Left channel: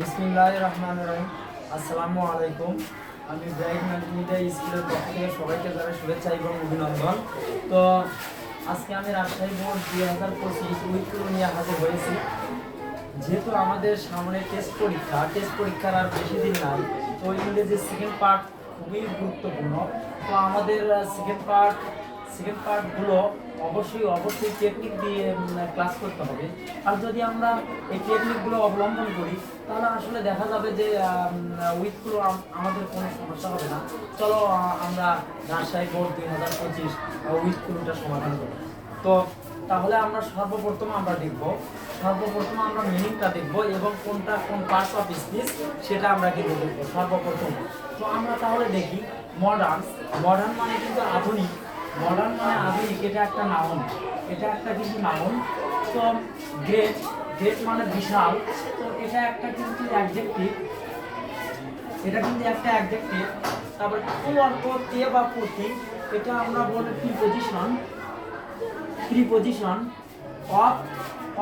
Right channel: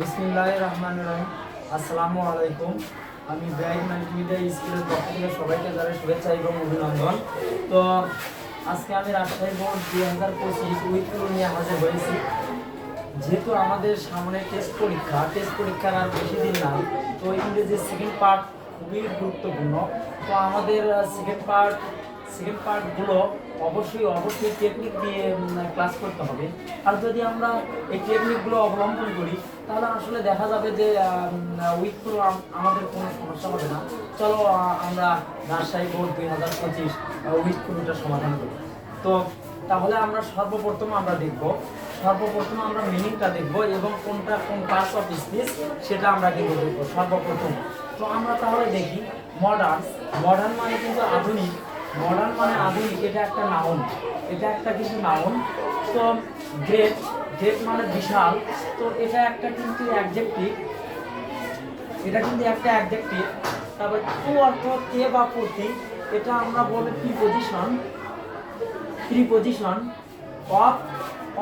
বিসমিল্লাহির রহমানির রহিম। আসসালামু আলাইকুম। আমি ব্রাইট মাল্টিমিডিয়া স্কুলের পক্ষ থেকে সবাইকে জানাই শুভেচ্ছা এবং অভিনন্দন। তো আজকে আমি রাজশাহী বোর্ড 2025 উইকগুলো নিয়ে হাজির হয়েছি। যেহেতু আমাদের সামনে টেস্ট পরীক্ষার আর বেশি দিন নাই, তো ইংরেজির সেকেন্ড পার্ট খুবই গুরুত্বপূর্ণ। তো আমাদের সেকেন্ড পার্টগুলো অবশ্যই টেকনিক দিয়ে ক্লাস করতে হবে। আর যদি আমরা এই টেকনিকগুলো অবলম্বন করি তাহলে আসলে দেখা যাবে যে উইকগুলো আমাদের কোনো সমস্যা হবে না। চলো আমরা রাজশাহী বোর্ড 2025 উইকগুলোটা সমাধান করি। তো তাহলে আমরা সর্বপ্রথম আমরা মিনিংটা দেখব এবং কোনটা কোন পার্টস অফ স্পিচ সেটা আমরা কিন্তু দেখব সর্বপ্রথম। তো আমরা তাহলে দেখি মডার্ন মানে কিন্তু আধুনিক। এটা একটা নাউন, কিন্তু নাউন। তো গ্রেট মানে বিশাল, তো এটা কিন্তু একটা অ্যাডজেক্টিভ। তারপর টু অর্থ তে বা প্রতি, এটা আমরা বলি প্রিপজিশন। অফ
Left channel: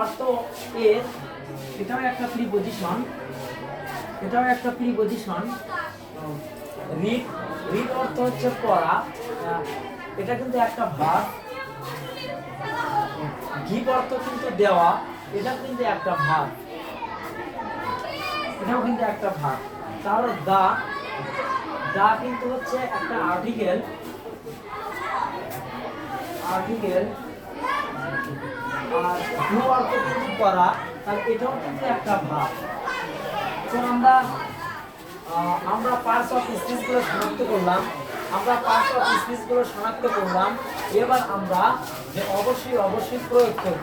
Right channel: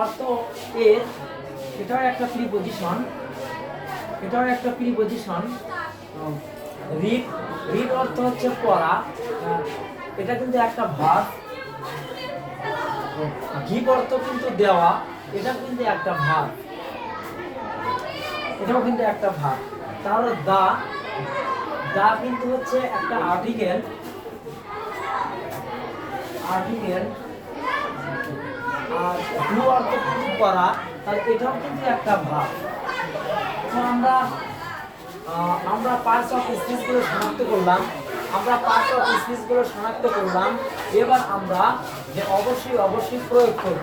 অর্থ এর, এটাও একটা প্রিপজিশন। রিড অর্থ হচ্ছে পড়া, এটা কিন্তু একটা ভার্ব। গিভ অর্থ কিন্তু দেওয়া, এটাও কিন্তু একটা ভার্ব। তাহলে দা কিন্তু হচ্ছে একটা আর্টিকেল। আর ডু অর্থ কিন্তু করা, তাহলে এটাও কিন্তু একটা ভার্ব। তো আমরা পার্টস অফ স্পিচগুলো শনাক্ত করলাম। এবার আমরা যে অবশ্যই প্রয়োগ করব।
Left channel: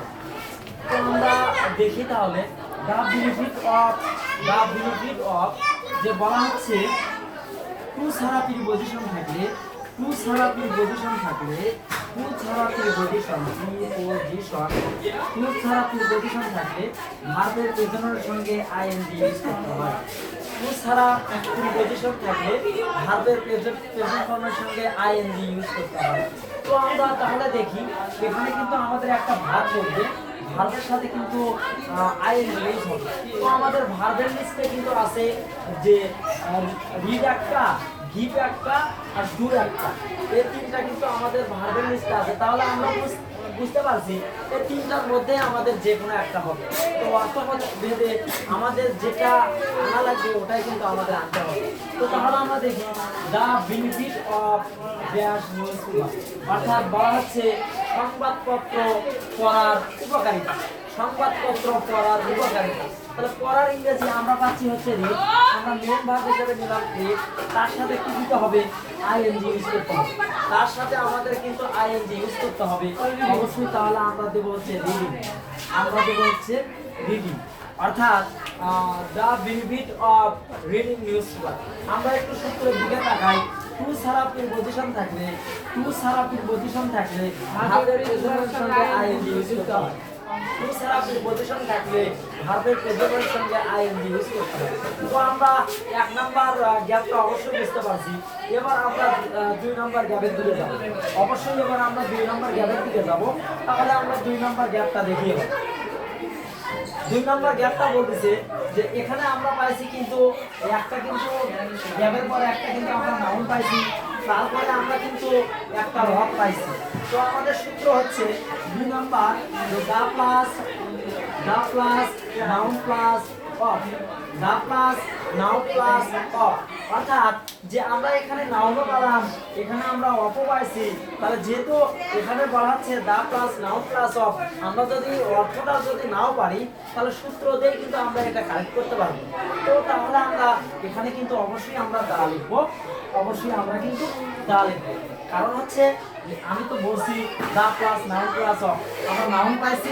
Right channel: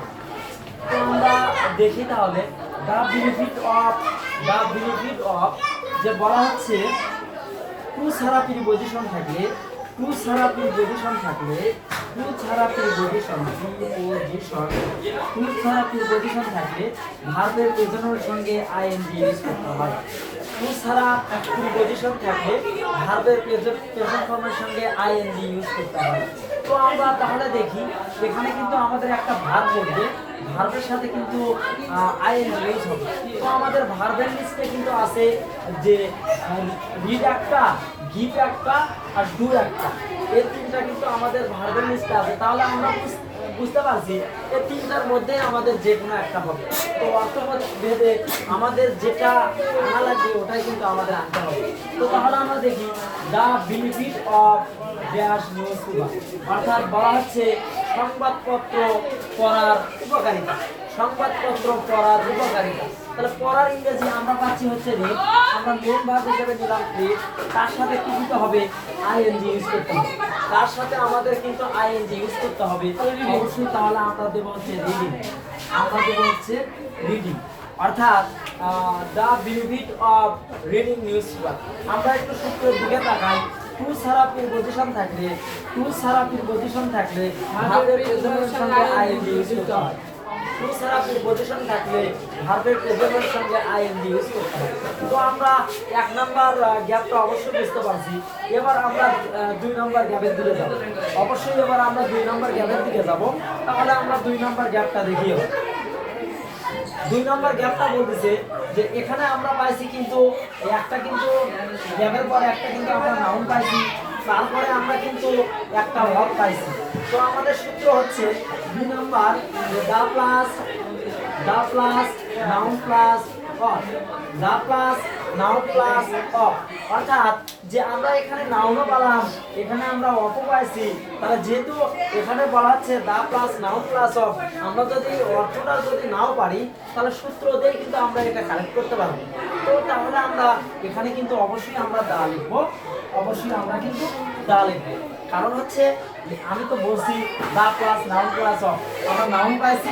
তো আমরা দেখি তাহলে দ্য বেনিফিট অফ যে বলা হচ্ছে টু ছাড়া প্রিপজিশন থাকলে ভার্বের প্রেজেন্টের সঙ্গে আইএনজি ইউজ করতে হয়। টু ছাড়া প্রিপজিশন থাকলে ভার্বের প্রেজেন্ট ফর্মের সঙ্গে আইএনজি ইউজ করতে হয়। তো আমরা তাহলে দেখি এখানে কিন্তু আমাদের একটা ভার্ব বলবে, ভার্বের সাথে কিন্তু আইএনজি ইউজ হবে। তো আমাদের ভার্বের লিস্টে কিন্তু আছে যে রিড একটা, গিভ একটা আর ডু একটা, এই তিনটা কিন্তু আমাদের ভার্বের লিস্টে আছে। তাহলে আমরা বুঝতে পারছি এই তিনটার মধ্যে আমাদের যে কোনো একটা হবে। তো অর্থবোধ ভেদে আমাদের যেটা আনা লাগবে ওটাই কিন্তু আমাদের আনতে হবে। তো তাহলে আমরা দেখি the benefit of news paper, অর্থাৎ বলা হচ্ছে সংবাদপত্র পড়ার উপকারিতা। তাহলে পড়ার ইংরেজি আমরা পাচ্ছি হচ্ছে রিড। আমরা মেন ভার্ব হিসেবে নিলাম রিড, তার সাথে কি দিতে হবে? আইএনজি ইউজ করতে হবে। অবশ্যই। তাহলে আমরা দেবো হচ্ছে রিডিং। অর্থাৎ the benefit of reading news paper. আমরা একটু সূত্রের দিকে তাকাই। টু ছাড়া প্রিপজিশন থাকলে ভার্বের প্রেজেন্টের সঙ্গে আইএনজি ইউজ করতে হয়। তো আমরা এক নাম্বার গ্যাপটা অবশ্যই বুঝতে পারছি। এবার আমরা 2 নাম্বার গ্যাপের দিকে যাব। তাহলে আমরা 2 নাম্বার গ্যাপটা দেখি। 2 নাম্বার গ্যাপটা বলতেছে যে এখানে আমরা পাইছি কিন্তু গ্যাপের পর একটা কিন্তু আমরা নাউন পাইছি, তারপরে আমরা কিন্তু একটা ভার্ব পাইছি। তো আমাদের সূত্র হচ্ছে 2 number the plus noun plus of. অর্থাৎ যে আমরা এখানে নাউনও পেলাম, এখানে আমরা অফও পাইছি। তাহলে যেহেতু এখানে বলা হচ্ছে the plus noun plus of, আমরা যদি অর্থটা নাও পারি তাহলে সূত্র দিয়ে কিন্তু আমরা এটা কালেক্ট করতে পারবো। তো তাহলে আমরা এখানে কিন্তু অবশ্যই আমরা দা লিখবো। কারণ হচ্ছে আমি তো বলছি the plus noun plus of, আমরা নাউন পাইছি,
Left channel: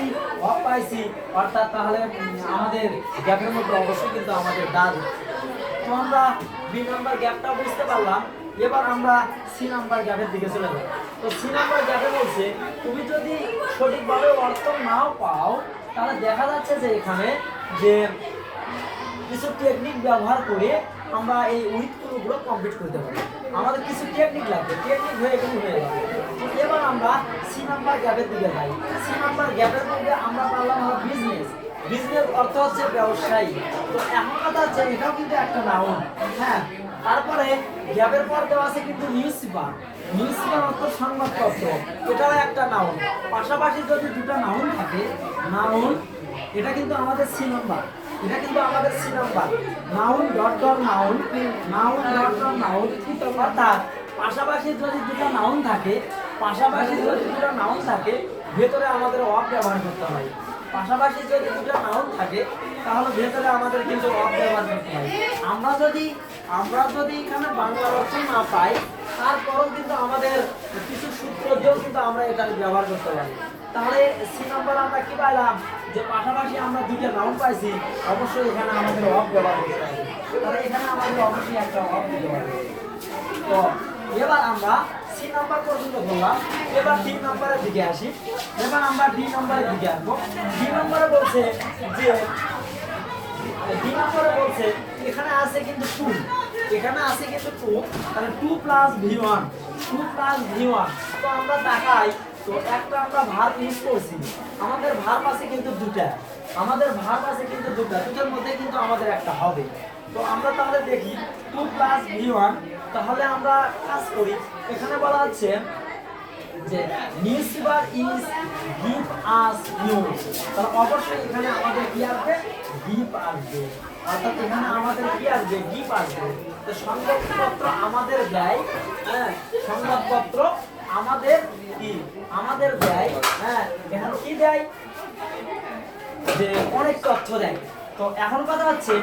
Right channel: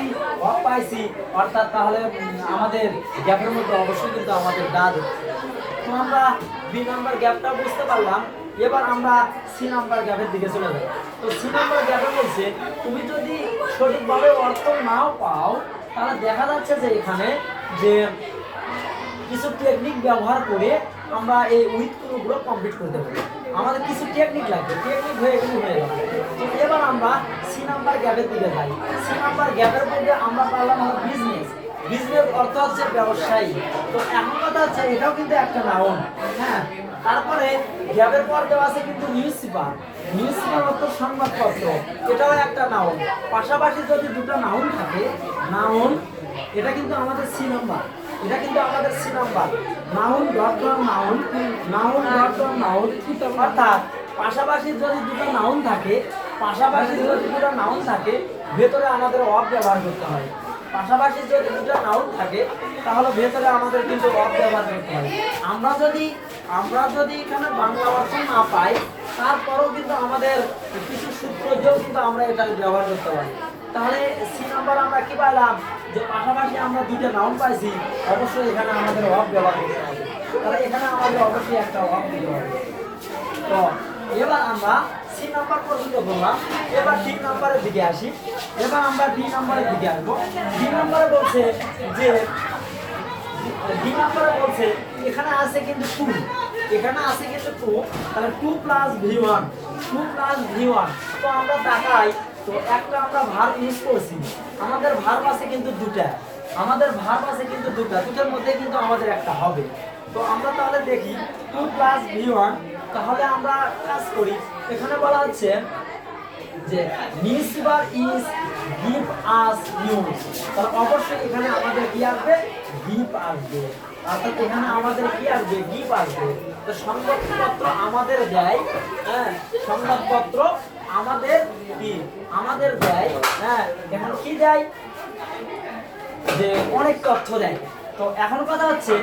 অফ পাইছি, অর্থাৎ তাহলে আমাদের গ্যাপের মধ্যে অবশ্যই কিন্তু আমাদের দা দিতে। তো আমরা 2 নাম্বার গ্যাপটা বুঝতে পারলাম। এবার আমরা সি নাম্বার গ্যাপের দিকে চলে যাই। তো সি নাম্বার গ্যাপে বলছে তুমি যদি সঠিকভাবে অর্থ নাও পাও তাহলে দেখা যাচ্ছে যে এখানে যে কিছু টেকনিক ব্যবহার করে আমরা এই উইথগুলো কমপ্লিট করতে পারি। আমাদের কিছু টেকনিক লাগবে, টেকনিক হয়ে যাবে। তো এবার আমরা সি নাম্বার গ্যাপের দিকে যাই। সি নাম্বার গ্যাপের মধ্যে আমরা পারলাম হলো বিজনেস। বিজনেস অর্থ হচ্ছে ব্যবসায়ী। তো এখন কথা হচ্ছে এটাও কিন্তু একটা নাউন। হ্যাঁ, তারপরে গ্যাপের পর দেওয়া আছে কিন্তু নিউজ পেপার। নিউজ পেপার অর্থ সংবাদপত্র, এটাও একটা নাউন। পাশাপাশি যদি দুটো নাউন থাকে, নাউন এটা কিন্তু আমাদের সি নাম্বার, এটা কিন্তু আমাদের C number. Noun dot dot noun, noun dot dot noun, অর্থাৎ পাশাপাশি যদি দুটো নাউন থাকে, পাশাপাশি যদি দুটো নাউন থাকে, ভেতরে আমাদের অফ ব্যবহার করতে হয়। পাশাপাশি যদি দুটো নাউন থাকে তাহলে ভেতরে আমাদের কিন্তু অফ ব্যবহার করতে হয়। আমরা যদি এখানে বাংলা অর্থ না পাই, তারপরেও কিন্তু আমাদের কিছু সূত্র দিয়েও কিন্তু আমরা এটা ব্যবহার করতে পারি। তাহলে সি নাম্বার আমরা কি পাইলাম, যে পাশাপাশি আমরা দুটো নাউন পাইছি, অবশ্যই এখানে আমাদের অফ ব্যবহার করতে হবে। তাহলে এখানে আমাদের অবশ্যই একটা অফ দিতে হবে। তো এবার আমরা সি নাম্বার পর্যন্ত বললাম, এবার ডি নাম্বারের দিকে আসি। এবার আমরা ডি নাম্বারের দিকে আসবো। ডি নাম্বারে বলছে যে ডি নাম্বারে বলছে এখানে আছে কিন্তু 2, এখানে আছে কিন্তু 2, তাহলে 2 প্লাস v1, 2 প্লাস v1। তো আমরা তাকাই, তো একটা আমরা ভার্ব ইউজ করছি, আমাদের ভার্ব আছে কিন্তু দুটা, আমাদের ভার্ব আছে কিন্তু দুটার মধ্যে কিন্তু আমাদের একটা হবে। তো আমরা তাহলে দেখি 2 প্লাস v1, তাহলে আমরা কাজ করি। এখানে বলা হচ্ছে যে newspaper is give us news, তাহলে অবশ্যই এখানে আমাদের কি আসবে, গিভ আসবে। অর্থাৎ এখানে আমাদের কি আসবে, গিভ আসবে। তো সংবাদপত্র আমাদের দেয়, হ্যাঁ, সংবাদপত্র আমাদের কি, আমাদের দেয়। হ্যাঁ, এখন কি দেয়, যে অনেক তথ্য দেয়। তো এখন কথা হচ্ছে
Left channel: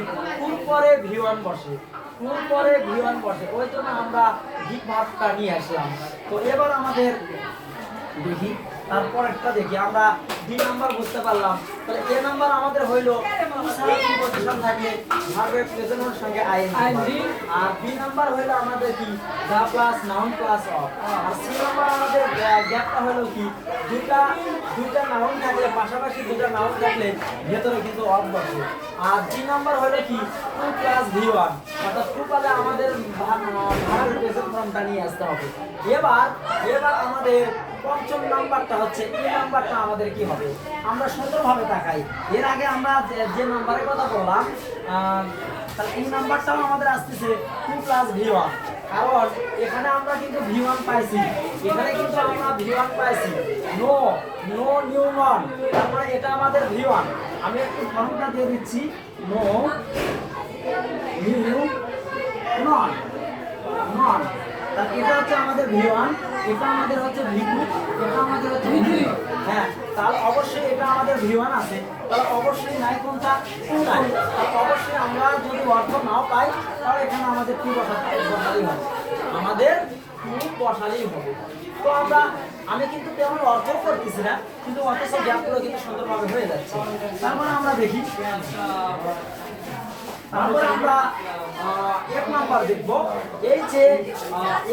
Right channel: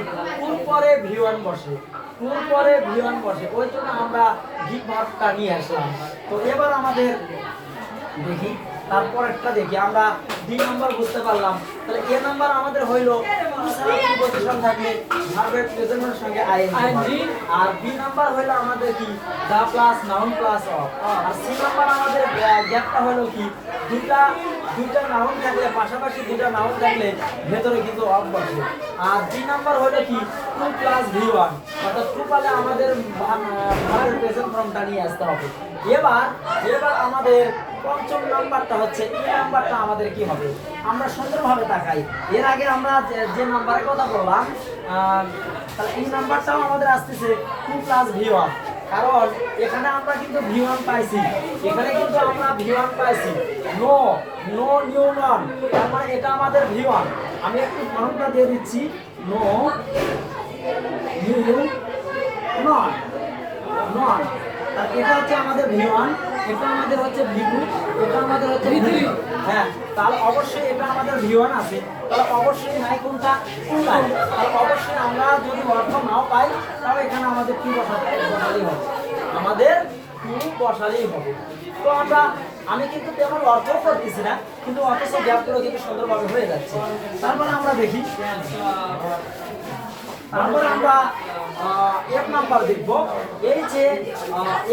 কোন পরে v1 বসে, কোন পরে v1 বসে, ওই জন্য আমরা গিভ ভার্বটা নিয়ে আসলাম। তো এবার আমাদের দেখি, তারপর একটা দেখি, আমরা ডি নাম্বার বুঝতে পারলাম। তাহলে এ নাম্বার আমাদের হইলো টু ছাড়া প্রিপজিশন থাকলে ভার্বের প্রেজেন্টের সঙ্গে আইএনজি, আর বি নাম্বার হইলো আমাদের কি the plus noun plus of, আর সি নাম্বার আমাদের গ্যাপটা হইলো কি দুইটা নাউন থাকলে, পাশাপাশি দুইটা নাউন থাকলে ভেতরে কিন্তু অফ বসে। আর ডি নাম্বার হইলো কি 2 প্লাস v1, অর্থাৎ 2 পালে আমাদের ভার্বের প্রেজেন্ট ফর্মটা নিয়ে আসতে হবে। এবার আমাদের পঞ্চম নাম্বারটা হচ্ছে এই নাম্বারটা আমাদের কি হবে, আমরা সুন্দরভাবে তাকাই। এর আগে আমরা যে নাম্বারের কথা বললাম, তাহলে এই নাম্বারটাও আমাদের আসতেছে 2 প্লাস v1, কারণ এখানে আমরা কিন্তু v1 পাইছি, এখানে কিন্তু আমরা v1 পাইছি। নো নিউ নন, তার মানে এটা আমাদের v1। আমি একটু ফর্মটা দিয়ে দিচ্ছি, নো নিউ নন, এটা হচ্ছে আমাদের v1, এটা আমাদের হচ্ছে v2, এটা আমাদের হচ্ছে v3। হ্যাঁ, তাহলে অবশ্যই এটা আমাদের v1 আছে, তাহলে অবশ্যই নাই কোনটা, তাহলে অবশ্যই আমরা যদি অর্থ নাও পাই, তাহলে এখানে আমাদের কি বসালেই হবে, আমাদের বসালেই হবে। তো আমি কিন্তু তেমন অর্থ করতেছি না, কিন্তু অথচ গ্যাপগুলো কিন্তু সুন্দরভাবে হয়ে যাচ্ছে। তারপরে আমরা দেখি, তারপরে আমরা এফ নাম্বার দেখবো। এই যে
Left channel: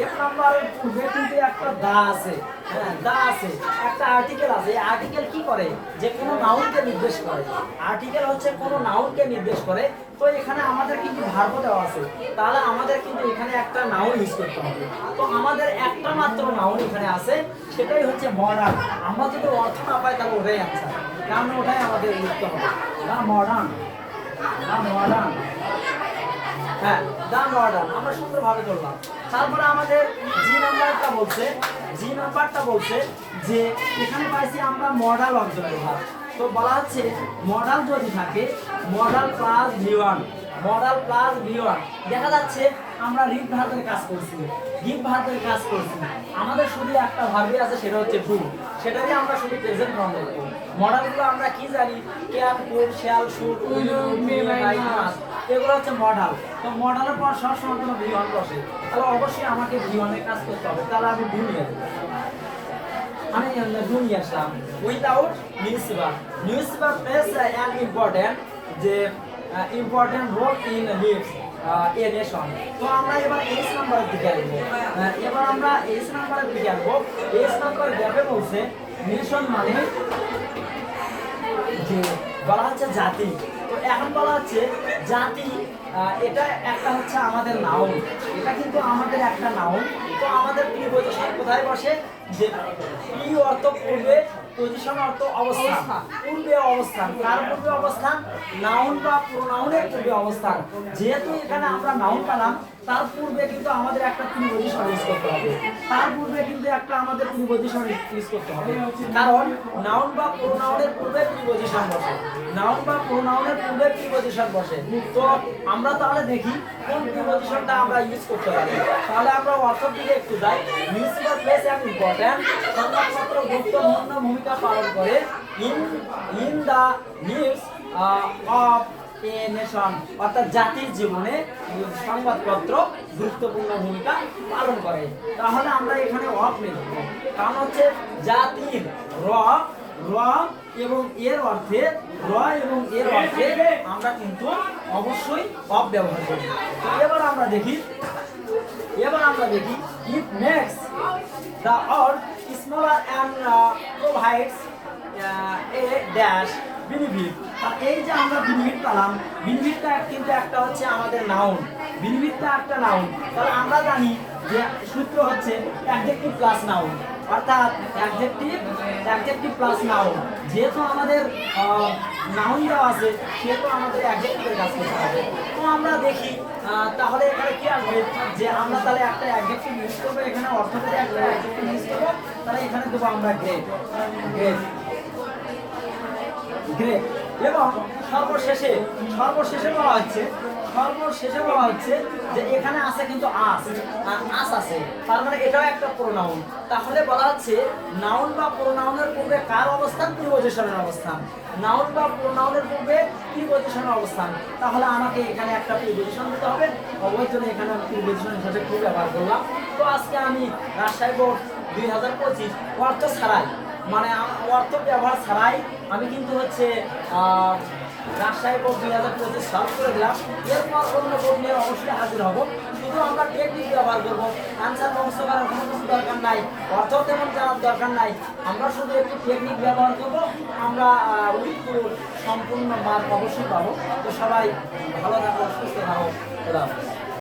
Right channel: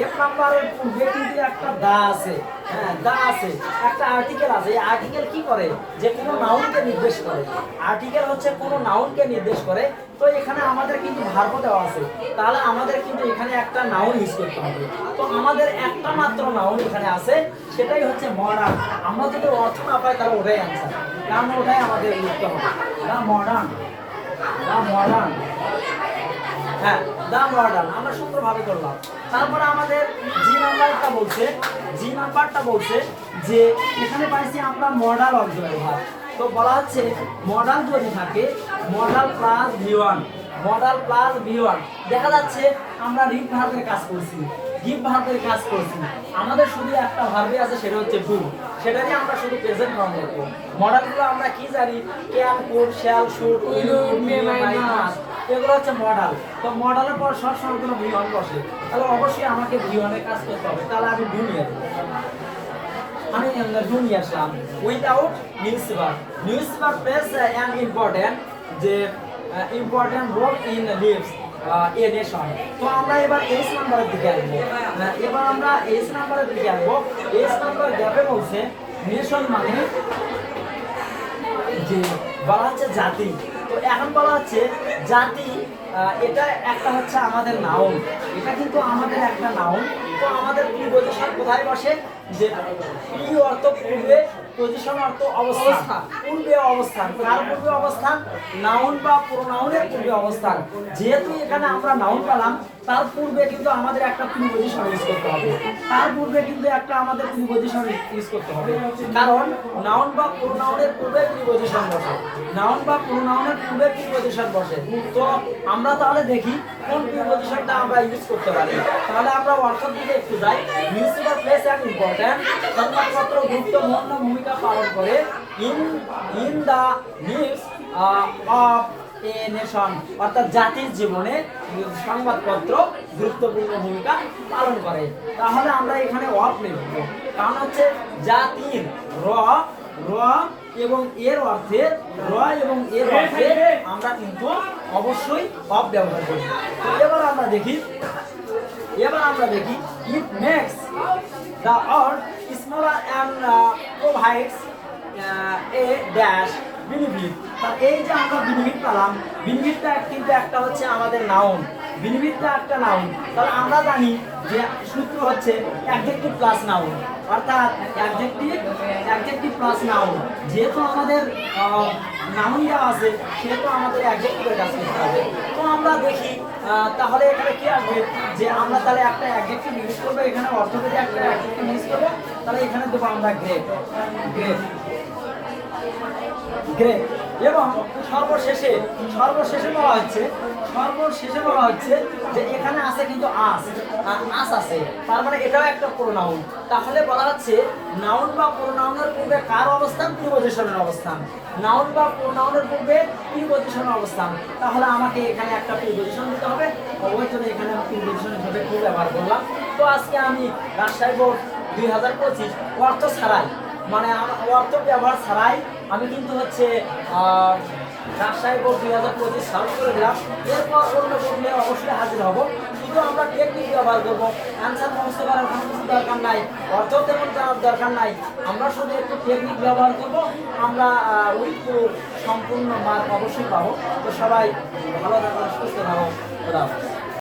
এফ নাম্বারের পূর্বে কিন্তু একটা দা আছে, হ্যাঁ দা আছে, একটা আর্টিকেল আছে। এই আর্টিকেল কি করে, যে কোনো নাউনকে নির্দেশ করে। আর্টিকেল হচ্ছে কোনো নাউনকে নির্দেশ করে। তো এখানে আমাদের কিন্তু ভার্ব দেওয়া আছে, তাহলে আমাদের কিন্তু এখানে একটা নাউন ইউজ করতে হবে। তো আমাদের একটা মাত্র নাউন এখানে আছে, সেটাই হচ্ছে মডার্ন। আমরা যদি অর্থ না পাই তাহলে ওটাই অ্যান্সার, কারণ ওটাই আমাদের লিখতে হবে, দা মডার্ন, হ্যাঁ দা মডার্ন আমরা সুন্দরভাবে করলাম। তারপরে আমাদের জি নাম্বারটা বলছে যে এখানে পাইছি আমরা মডাল অক্সিলারি ভার্ব। তো বলা হচ্ছে মডাল যদি থাকে, মডাল প্লাস v1, দেখা যাচ্ছে আমরা রিড ভার্বের কাজ করছি, গিভ ভার্বের কাজ করছি, আমাদের শুধু একটা ভার্বই আছে, সেটা হচ্ছে ডু, সেটারই আমরা শুধু প্রেজেন্ট ফর্ম লিখব। মডালগুলো আমরা কি জানি, can, could, shall, should, will, may, might, must, এগুলো হচ্ছে মডাল। তো মডালের পর সব সময় কোনো v1 বসে, তাহলে অবশ্যই আমাকে v1 এর কাজ করতে হবে। তাহলে আমি ডু নিয়ে আসবো, আমি ডু নিয়ে আসলাম। Without newspaper plays an important role in lives a nation. তো আমরা এবার এইচ নাম্বারের দিকে আসবো। এইচ নাম্বার গ্যাপে বলছে নেশন মানে যে বলা হচ্ছে জাতি। তো এখন বলা হচ্ছে জাতি এটা একটা হচ্ছে আমাদের নাউন, এটা কিন্তু আমাদের একটা নাউন। তো আমাদের প্রিপজিশন কোথায় বসে, যে প্রি অর্থ পূর্বে, পজিশন অর্থ অবস্থান, পূর্বে অবস্থান। কার পূর্বে অবস্থান? নাউন বা প্রোনাউনের পূর্বে অবস্থান। যেহেতু এখানে আমরা নাউন পেলাম, তার পূর্বে কিন্তু আমাদের একটা প্রিপজিশন ইউজ করতে হবে, তার পূর্বে কিন্তু একটা আমাদের প্রিপজিশন ইউজ করতে হবে। কারণ নাউন বা প্রোনাউনের পূর্বে প্রিপজিশন বসে, নাউন বা প্রোনাউনের পূর্বে প্রিপজিশন বসে। তো আমরা তাহলে দেখি কোন প্রিপজিশনটা আমরা ইউজ করতে পারি। তাহলে আমরা অর্থের দিকে একটু যাই। মিউনিসিপাল প্লেস অ্যান্ড ইম্পর্ট্যান্ট, সংবাদপত্র গুরুত্বপূর্ণ ভূমিকা পালন করে in the news of a nation, অর্থাৎ জাতির জীবনে সংবাদপত্র গুরুত্বপূর্ণ ভূমিকা পালন করে। তাহলে আমরা এখানে অফ লিখব, কারণ হচ্ছে জাতির র র এবং এর অর্থে, র এবং এর অর্থে আমরা কিন্তু অবশ্যই অফ ব্যবহার করি। তো এবার আমরা দেখি it makes the earth smaller and provides a dash benefit. তার এই যে আমরা বেনিফিট পেলাম, বেনিফিটটা কিন্তু একটা হচ্ছে আমাদের নাউন, বেনিফিটটা একটা নাউন। তাহলে আমরা জানি যে সূত্র হচ্ছে অ্যাডজেক্টিভ প্লাস নাউন, অর্থাৎ অ্যাডজেক্টিভ প্লাস নাউন। যেহেতু আমাদের নাউন দেওয়া আছে, সেহেতু আমাদের অ্যাডজেক্টিভের কাজ করতে হবে। তো আমরা দেখি তাহলে এখানে কি আসবে, যে আমরা তাহলে একটা অ্যাডজেক্টিভ ইউজ করবো, এখানে অর্থনীতি একটা অ্যাডজেক্টিভ ইউজ করবো। তাহলে এখানে দেবো আমরা গ্রেট, গ্রেট, গ্রেট। এবং সর্বশেষে বলা হচ্ছে যে এখানে আছে কিন্তু আস আছে, তার মানে এটাও একটা প্রোনাউন। তাহলে বলা হচ্ছে নাউন বা প্রোনাউনের পূর্বে কার অবস্থান? প্রিপজিশনের অবস্থান। নাউন বা প্রোনাউনের পূর্বে প্রিপজিশনের অবস্থান। তাহলে আমাকে এখানে একটা প্রিপজিশন দিতে হবে, অবশ্যই এখানে আমি প্রিপজিশন হিসেবে খুব ব্যবহার করলাম। তো আজকে আমি রাজশাহী বোর্ড 2025 অর্থ ছাড়াই, মানে অর্থ ব্যবহার ছাড়াই আমি কিন্তু হচ্ছে রাজশাহী বোর্ড 2025 সলভ করে দিলাম। এরপর অন্য বোর্ড নিয়ে অবশ্যই হাজির হব। শুধু আমরা টেকনিক ব্যবহার করবো, অ্যান্সার মুখস্থ করার কোনো কিছু দরকার নাই, অর্থ তেমন জানার দরকার নাই। আমরা শুধু একটু টেকনিক ব্যবহার করবো, আমরা উইথ সম্পূর্ণ মার্ক অবশ্যই পাবো। তো সবাই ভালো থাকো, সুস্থ থাকো, খোদা হাফেজ।